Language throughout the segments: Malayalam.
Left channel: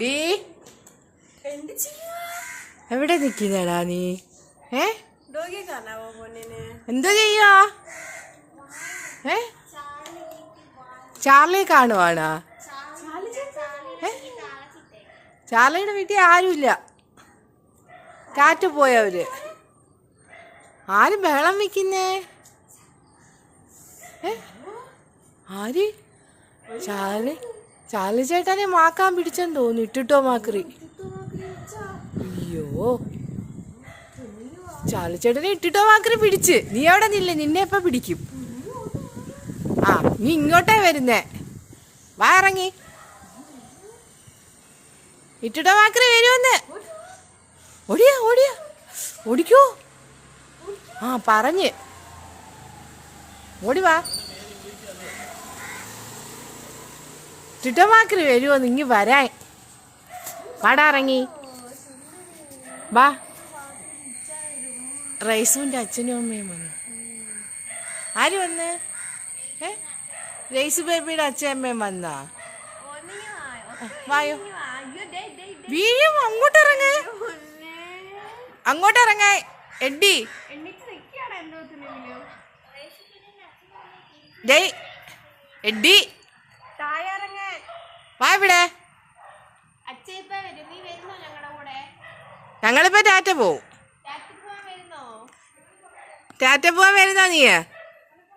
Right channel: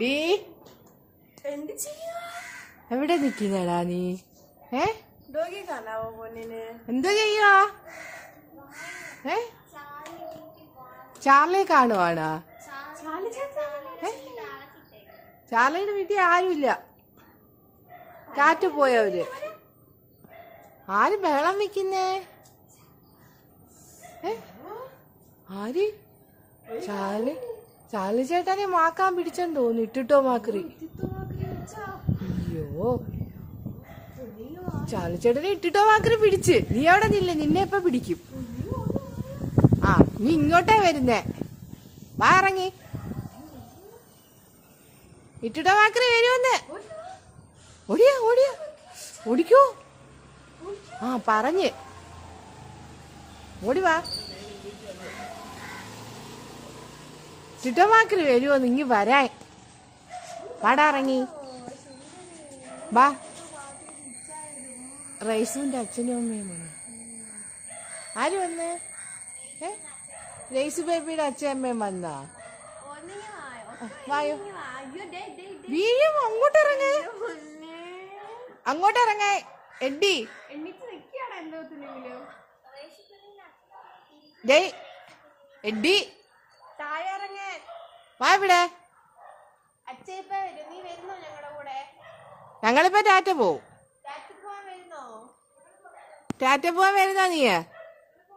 ഡീ. എവിടെ നിക്കുന്നടാ നീ? ഏ? എന്താ ചെയ്യാ? ഏ? ചാർലി കാണുവാണോ? ചാർലിയുടെ വീട്ടിൽ ആരുമില്ല. കാറ്റ് പോയവര്. ആരും ബഹളം വെക്കുന്നേ? ആര്? ചാർലി? ചാർലി ചേട്ടനെ മാക്കാൻ പിടിച്ചെന്ന് തോന്നുന്നു. ഇട്ടിട്ടോ മാക്രി? അയ്യോ. ചാർലി ചേട്ടനെ ഇട്ടിട്ടോ മാക്രി പിടിച്ച്. നീ അവിടെ നിന്നില്ലേ നിന്നെ എപ്പ പിടിക്കും? ആ നീ ഇങ്ങോട്ടേ വരുന്നേ. വാ ഇറങ്ങി. ഇട്ടിട്ടോ മാക്രി വരുമെന്ന്. ഓടിയാ ഓടിയാ. ഓടിക്കോ. ആ പറഞ്ഞ്. ഓടി വാ. ഇട്ടിട്ടോ വരുമോ നിങ്ങി വരാൻ. വാടാ ഇറങ്ങി. വാ. റൈസുവിന്റെ അച്ഛനും അമ്മയും വന്നു. ആര് വന്ന്? ഏ? റൈസ് ബേബിയുടെ അച്ഛൻ അമ്മയും വന്നാ? വായോ. വീഴും. അങ്ങോട്ട് ഇറങ്ങ. അങ്ങോട്ട് ഇറങ്ങ. എഡി എഡി വാ ഇവിടെ. ഞങ്ങളിപ്പോ ടാറ്റ പോവും. ടാറ്റ പോവാൻ വരുന്നോ നീ?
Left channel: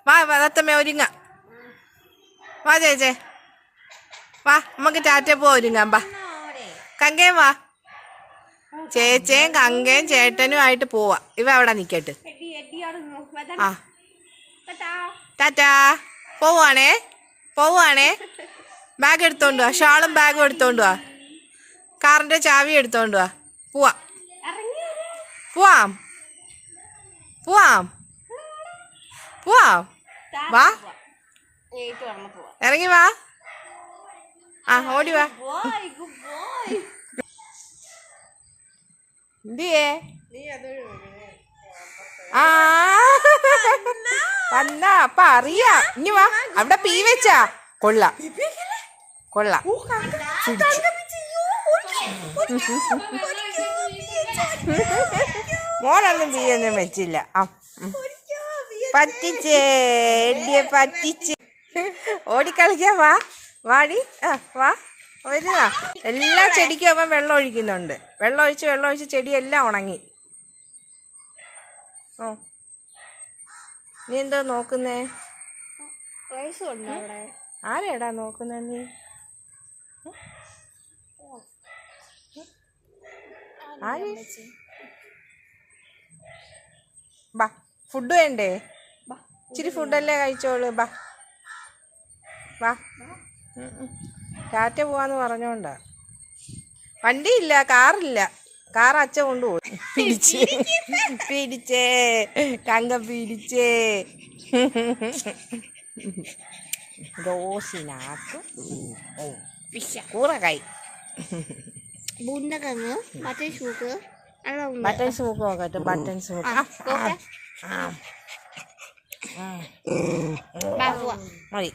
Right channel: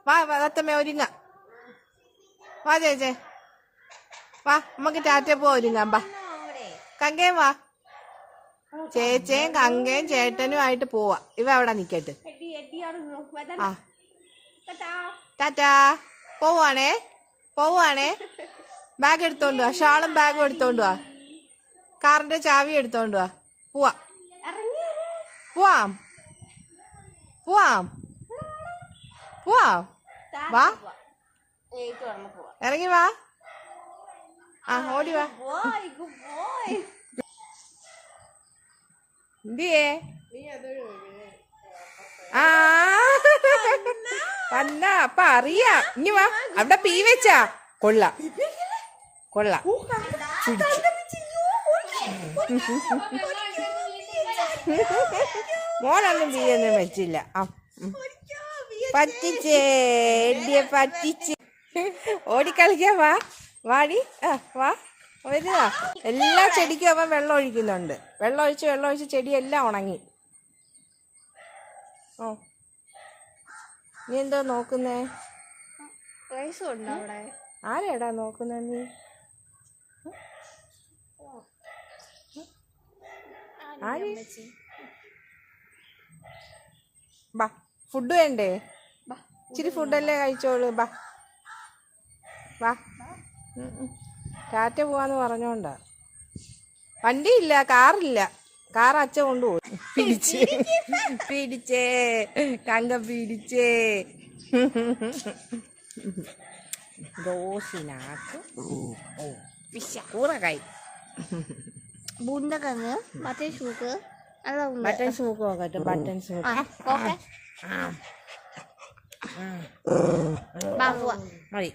വാ വതത്തമ്മ ഒരുങ്ങ. വാ ചേച്ചേ. വാ നമുക്ക് ടാറ്റ പോവാ ഒരുങ്ങാം വാ. കങ്കയും വാ. ചേച്ചയും കങ്കയും ചേട്ടനും ആയിട്ട് പോവാ. ഇവ അവിടെ നിക്കട്ട്. ആ. ടാറ്റാ. പോവാണേ പോവാണേ ബാഗ് എടുത്തോണ്ട് വാ. ഷാളും ബാഗും എടുത്തോണ്ട് വാ. കാറിന്റെ ചാവി എടുത്തോണ്ട് വാ. പോവാ. പോവാം. പോവാം. പോവാം. വാ. ഇറങ്ങി വാ. ആ ഓടി വാ. എന്തിയേ? ആ. വന്ന. ഇനി വാ. അവിടെ പീ വെച്ചാ. കൊള്ളാം. കൊള്ളാം. മോനൊന്നും ബിയൊന്നും വെച്ചില്ല. ആ. പറ്റിച്ചേ എടിയെ പറ്റിച്ച്. ഓടിക്കളിക്കാൻ വാ വാടി. ആ വാ. വരുവാ എല്ലാ ചെടിക്കും അവൻ വെള്ളം ഒഴിക്കുന്നുണ്ട്. വെള്ളം ഒഴിച്ച് വെള്ളം ഒഴിച്ച് ചെടിയെല്ലാം ഉണങ്ങി. ഓ. നീ എന്തോ നോക്കുന്നേ? ആരെടാ നോക്കുന്ന നീ? ബാ ഫുഡ് വേണ്ടേ? ഇച്ചിരി ഫുഡല്ലേ കഴിച്ചോളൂ. ബാ. വാ. ടാറ്റ പോവാന്ന് പറഞ്ഞോണ്ടാ. വണ്ടിയില്ല കാറില്ല. കാർ അച്ഛ കൊണ്ടുപോയി. പിടിച്ച്. പിടിച്ചേ. കങ്ക പിടിച്ചേ. റോസിനാക്കും ഓ പിശ കൂറക്കായി ബൂണ്ടക്കങ്ങ് മറ്റേ ഷൂക്ക് അവിടെ ഉണ്ട് ബട്ടൺ സ്മോക്ക് നോക്കട്ടെ ബട്ടൺ സ്മോക്ക് കോക്കെ ആ ബാ പോവാ മതി